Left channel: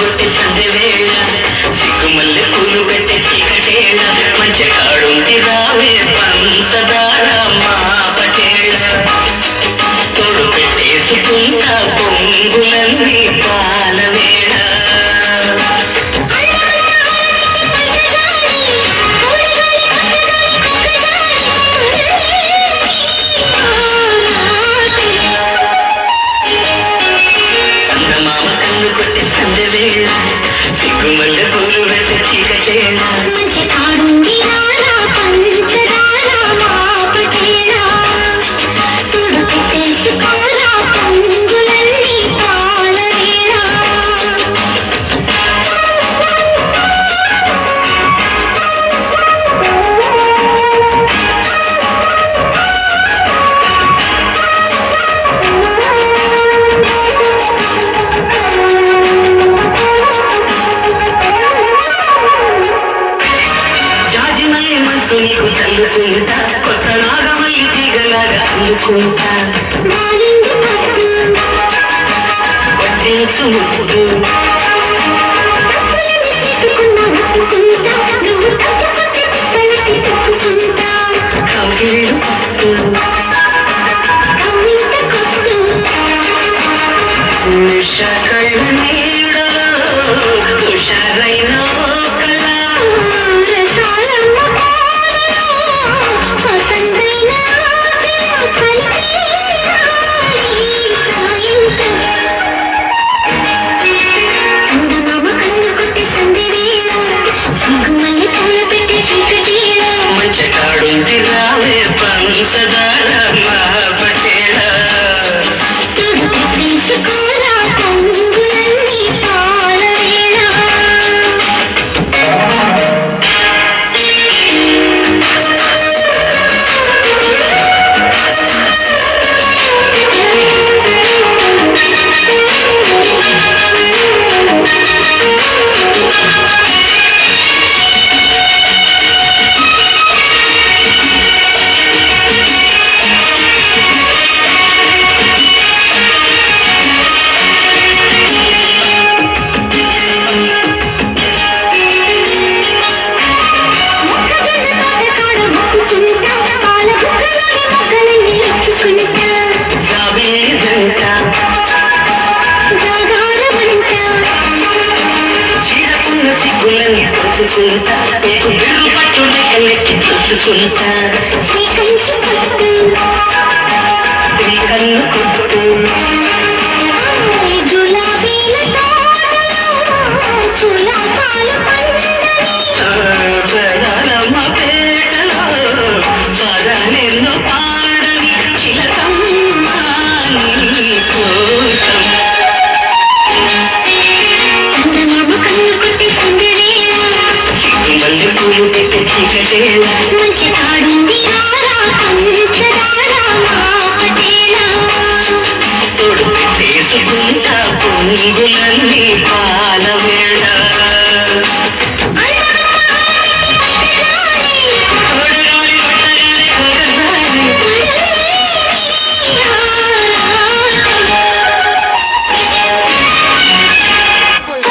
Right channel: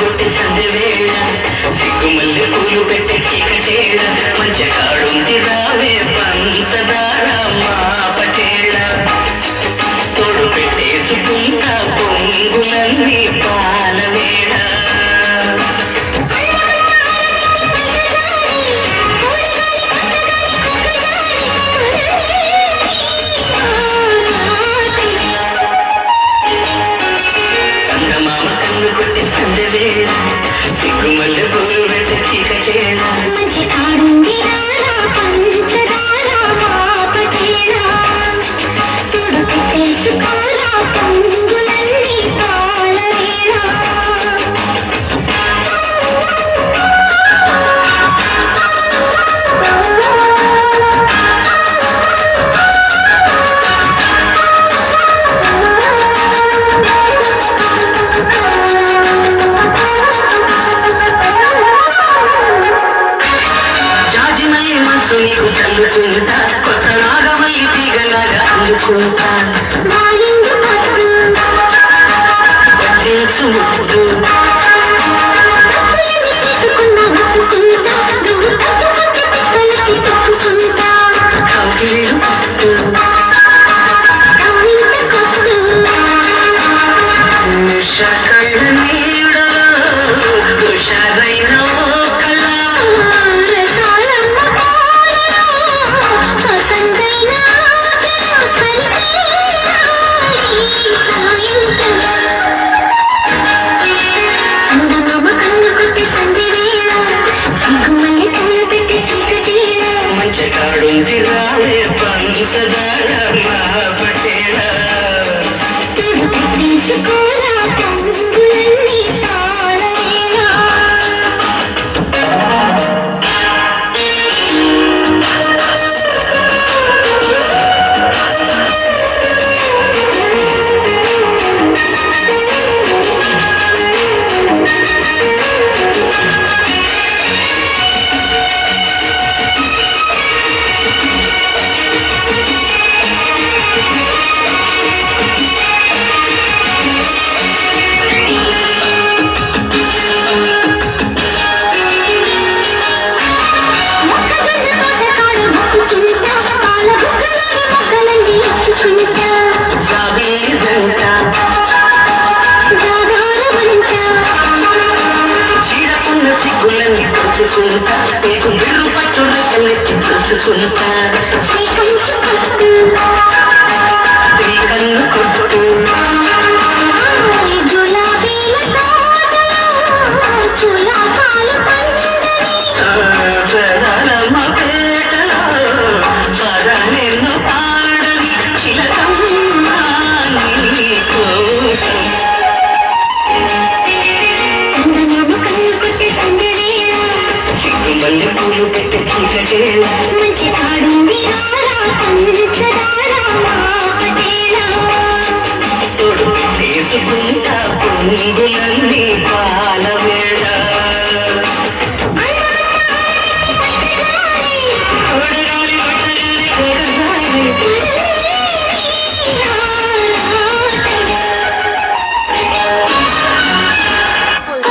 కొట్టి సందెవేళ సిగ్గుమల్లె పూలు పెట్టి చీకటేళ మంచి కాడుంది రావే పంచదార మా పటేళ తోడు పెట్టేసుకుంటా పొంగులన్నీ పాలవేళ కొట్టి సందవేళ సిగ్గుమల్లె పూలు పెట్టి చీకటేళ మంచి కాడుంది రారా పంచదార మా పటేళ తోడు పెట్టేసుకోరా పొంగులన్నీ పాలవేళ నీకు చల్లుకుంటా కొత్త నాగమై తీగలాగా అందుకుంటా పట్టించు ముద్దు కౌగిళ్ళు పట్టు నిష కళ్ళ నీడలో తుషారైన మంచి కాడుంది రావే పంచదార మా పటేళ తీసుకోరా పొంగులన్నీ పాలవేళ సిగ్గులని పంచుకుంటా నీకు బిల్లు పట్టు రెక్కలెక్కి చూసుకుంటా కన్ను కొట్టు జగరమ్మ పేటలో పదనెన్ను పాడని చిలకమ్మ నీ కోసం సిగ్గుమల్లె పూలు పెట్టి చీకటేళ మంచి కాడు